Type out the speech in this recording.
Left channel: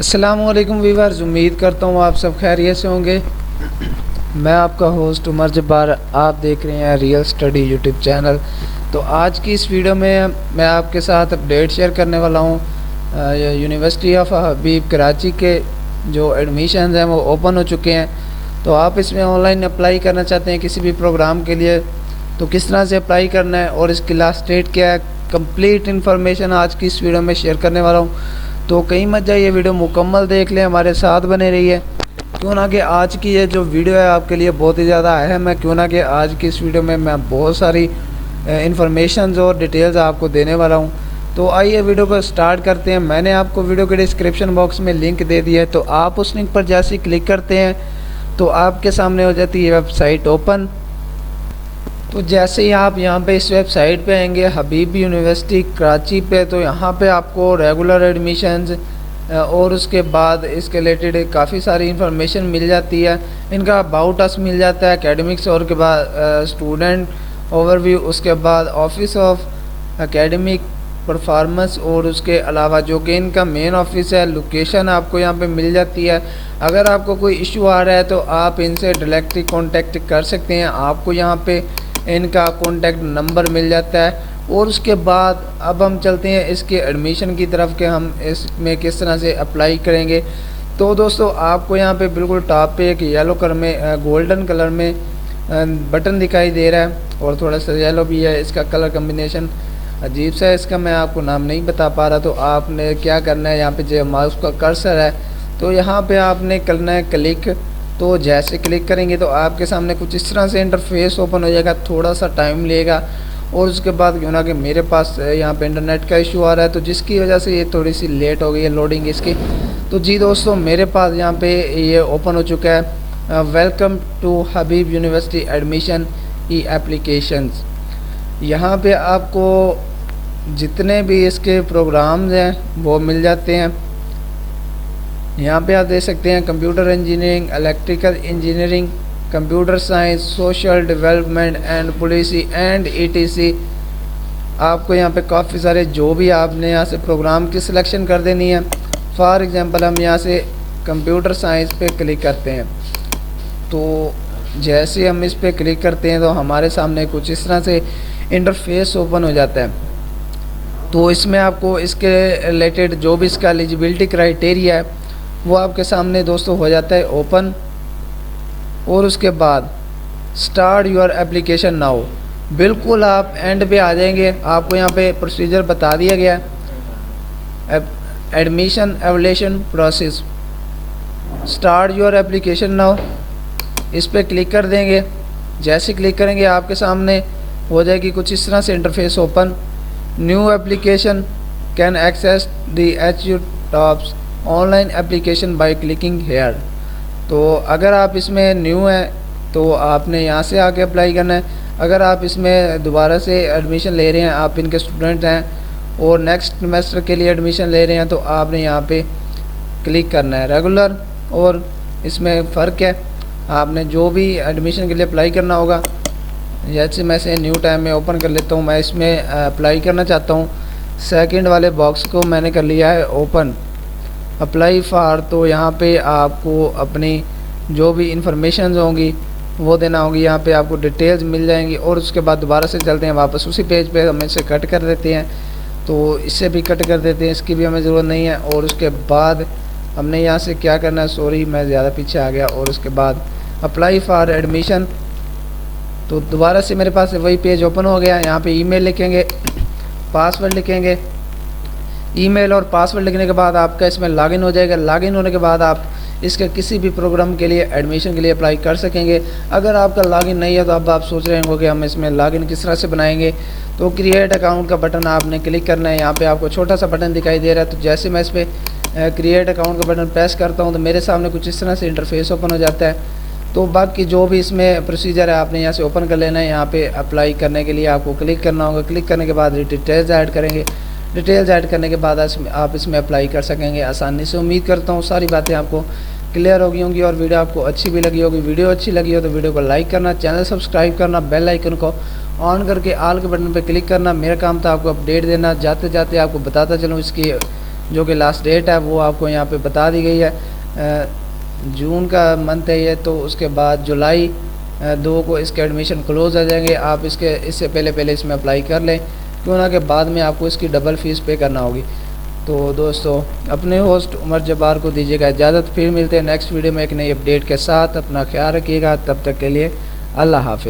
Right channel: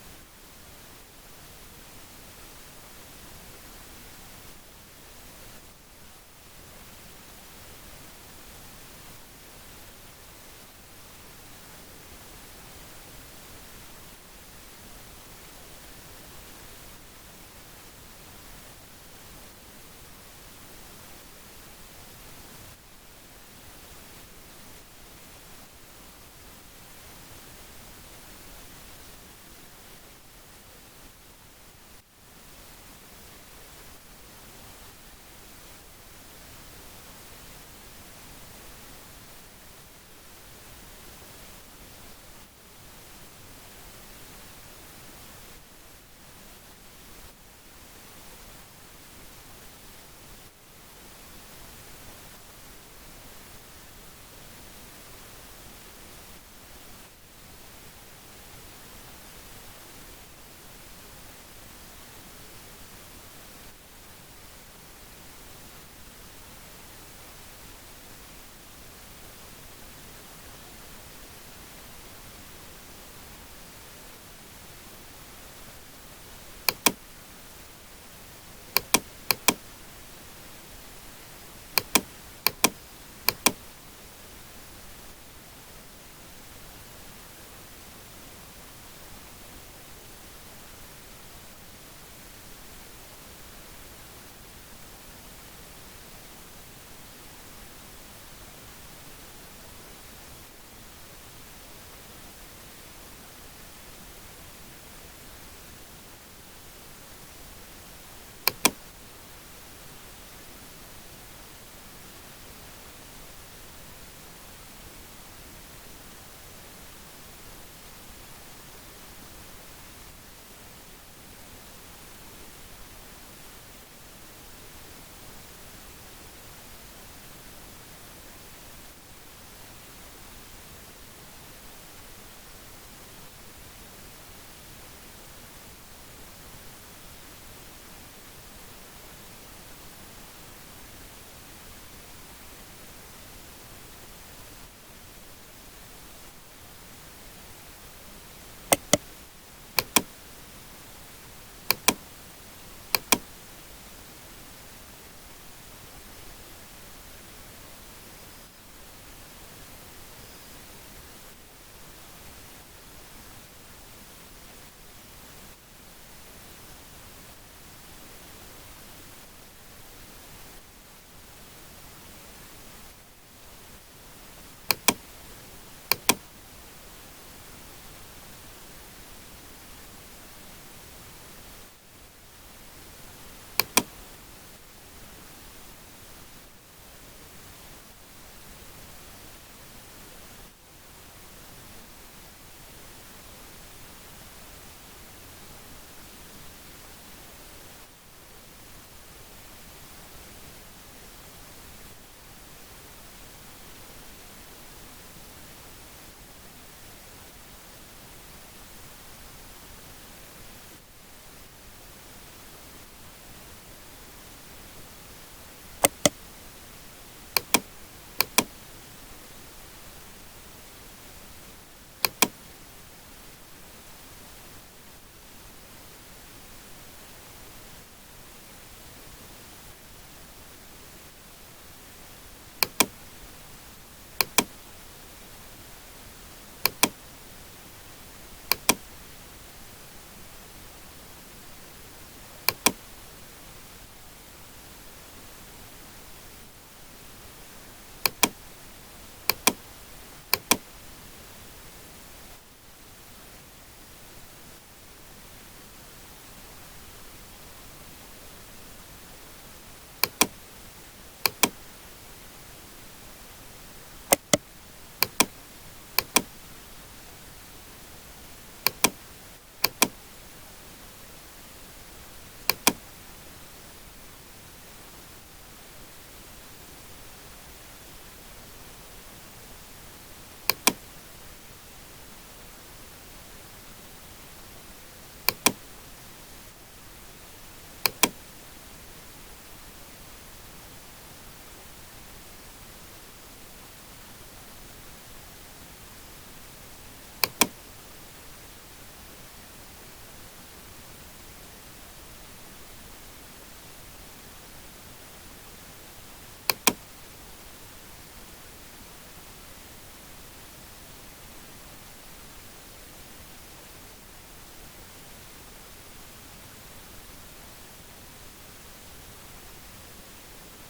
अस्सलामुअलैकुम वीवर्स, उम्मीद करता हूँ आप सब खैरियत से होंगे। मैं आपका होस्ट उमर जब्बार, आप देख रहे हैं रियल स्टडी यूट्यूब चैनल। तो आज की इस वीडियो में मैं आपके साथ अपडेट शेयर करने वाला हूँ। यूनिवर्सिटी ऑफ हबीब कराची के जो एडमिशन हैं वो ओपन हो चुके हैं। तो आप इसमें ऑनलाइन अप्लाई करना चाहते हैं किसी भी प्रोग्राम के लिए, तो किस तरह से अप्लाई करना है और इसकी लास्ट डेट क्या है, कंप्लीट इन्फॉर्मेशन आज की इस वीडियो में शेयर करने वाला हूँ। तो कहीं मत जाइए, वीडियो मुकम्मल देख लें, हमारे साथ बने रहिए। क्यों ना कि आज की ये जो वीडियो है आपके लिए बहुत ही ज़्यादा अहम है। क्यों ना कि आज की इस वीडियो में मैं बहुत सारी इन्फॉर्मेशन और डिटेल्स आपको देने वाला हूँ। तो आइए वीडियो को स्टार्ट करते हैं। मैंने आपको वीडियो के डिस्क्रिप्शन बॉक्स में लिंक दे दिया है, तो आप उस लिंक पर जैसे ही क्लिक करते हैं तो आपके सामने हो जाती है वेबसाइट ओपन। तो जैसे ही आप यहाँ पे इस वेबसाइट पे आएंगे हबीब यूनिवर्सिटी कराची पे, तो यहाँ पे आपको रेगुलर एडमिशन्स और उसके बाद इसके रिलेटेड काफ़ी सारी इंफॉर्मेशन मिल जाती है। इनका अबाउट अस मिल जाता है, एकेडमिक्स और के बाद स्टूडेंट ओवरव्यू, उसके बाद ऑफिस ऑफ एकेडमिक परफॉर्मेंस और उसके अलावा जो कि इनका मेन ऑफिस है, लोकेशन आपको यहाँ पे मिल जाती है। अगर आपको कोई इशू आ रहा है तो आप इनसे डायरेक्टली कांटेक्ट कर सकते हैं। आपको यहाँ पे इनका कॉन्टैक्ट नंबर मिल जाता है। और उसके बाद अब हम चलते हैं इसके एडमिशन की तरफ कि हम इसमें किस तरह से अप्लाई करेंगे। तो दोस्तों आपको यहाँ पे बिल्कुल टॉप पे एक येलो कलर में गोल्डन कलर में बटन दिखाई दे रहा है और थोड़ा सा येलो भी है। इसका कलर कम्बिनेशन अजीब सा है, इसका मैं आपको नाम नहीं बता पा रहा। तो आपने क्या करना है, यहाँ पे जो माउस का कर्सर है तो यहाँ पे आपने करना है क्लिक। तो जैसे क्लिक करेंगे तो आपके सामने कुछ इस तरह से इंटरफेस ओपन हो जाएगा, थोड़ा सा टाइम लेगा। और उसके बाद क्यों ना कि मेरे पास यहाँ पे इंटरनेट का इशू आ रहा है, तो जिसकी वजह से ये थोड़ी सी लेट हो गई है लोडिंग इसकी। तो जी दोस्तों, मेरे पास यहाँ पे ये ओपन हो चुका है, welcome to Habib university admission e applications. यहाँ पे आपको जितने भी इसके प्रोग्राम्स हैं वो मिल जाते हैं। यहाँ पे आप देख सकते हैं computer engineering, electrical engineering, computer science, social development and policy and etc. आपको यहाँ पे काफ़ी सारे जो भी आपने यहाँ से प्रोग्राम की सिलेक्शन कर देनी है। फॉर एग्जांपल हम यहाँ से कंप्यूटर साइंस पे क्लिक करते हैं। तो जैसे हम इस पे क्लिक करते हैं तो हमारे सामने कुछ इस तरह से इंटरफेस ओपन हो जाता है। तो इसमें आपको इसके रिलेटेड जो भी इसका एलिजिबिलिटी क्राइटेरिया है वो आपके सामने दोस्तों हो जाता है ओपन। और उसके बाद स्टार्ट योर एप्लीकेशन नाउ, बिल्कुल आप एंड पे आ जाएंगे। आपको यहाँ पे प्रोसीजर बता दिया गया है, admission evaluation process, start your application now. इस पर क्लिक कर देंगे। जैसे क्लिक करेंगे आपके सामने हो जाएगी कुछ इस तरह से interface open. New application can access the HU tops online application by clicking here. तो अगर आप इसमें न्यू हैं तो आपने यहाँ से आके अप्लाई करना है। अगर आप इसमें दोबारा से एडमिशन ले रहे हैं, आप इनके स्टूडेंट हैं और नेक्स्ट सेमेस्टर के लिए एडमिशन ले रहे हैं, तो आपने यहाँ पे क्लिक करना है। रेगुलर और इसमें फ़र्क है, आपने जो भी एडमिशन के लिए अप्लाई करना होगा। जैसे मैं से न्यू टाइम में ओपन कर लेता हूँ, मैं इसमें अप्लाई करना चाहता हूँ। सेकंड वाले बॉक्स को मैंने कर लिया है ओपन, अप्लाई फॉर। तो यहाँ पे आपको अपनी जो भी इंफॉर्मेशन होंगी वो देना होगी। यहाँ पे आपको डिटेल्स मिल जाएंगी। और उसके बाद दोबारा से चलते हैं वापस उसी पेज पे, हम इसे कट कर देते हैं। तो इससे भी कट कर देते हैं, इसकी भी हमें ज़रूरत नहीं है। और उसके बाद हमने यहाँ से क्या करना है, सॉरी मैं ज़्यादा पीछे आ गया। और उसके बाद अप्लाई फॉर एडमिशन, तो दोबारा से मेरे पास वही पेज ओपन हो गया। यहाँ पे ईमेल लिखेंगे, पासवर्ड लिखेंगे। ईमेल और पासवर्ड लिखने के बाद आपका इसमें लॉगिन हो जाएगा। लॉगिन होने के बाद आप इसके किसी भी प्रोग्राम के लिए एडमिशन के लिए अप्लाई कर सकेंगे। अगर आपका लॉगिन नहीं है तो अब आप सोच रहे होंगे कि हम इसमें लॉगिन किस तरह से बनाएंगे। तो क्रिएट अकाउंट का बटन आपने क्लिक करना है। यहाँ पे आपको छोटा सा बटन दिखाई दे रहा है। तो जैसे मैं इस पर क्रिएट अकाउंट का बटन प्रेस करता हूँ तो मेरे सामने कुछ इस तरह से इंटरफेस ओपन हो जाता है। तो बाकी जो भी इसमें प्रोसीजर है आपने यहाँ से ओपन कर लेना है। यहाँ पे अप्लाई करने के लिए आपको क्लिक करना होगा। क्लिक करने के बाद डिटेल्स ऐड करेंगे। डिटेल्स ऐड करने के बाद आप इसमें अप्लाई कर सकेंगे आसानी से। उम्मीद करता हूँ सारी बातें आपको क्लियर हो गई होंगी और वीडियो आपको अच्छी भी लगी होगी। वीडियो अच्छी लगी हो तो वीडियो को लाइक करना, चैनल सब्सक्राइब करना, बेल आइकन को ऑन करके ऑल के बटन पर क्लिक करना। मेरा काम था आपको अपडेट देना। जाते जाते आपको बताता चलूँ इसकी जो कि लास्ट डेट है वो आपको यहाँ पे बता दी गई है। जून का मंथ है ये, तो उसके बाद जुलाई 2 को इसके एडमिशन क्लोज आ जाएंगे। आप इससे पहले इसमें अप्लाई कर लें, क्यों ना कि बाद में आपको इसकी डबल फ़ीस पे करना होगी। तो दोस्तों, अपने होस्ट उमर जब्बार को दीजिएगा इजाज़त। फिर मिलते हैं नेक्स्ट वीडियो में एक नई अपडेट के साथ। अपना ख्याल रखिएगा, तब तक के लिए अल्लाह हाफिज़।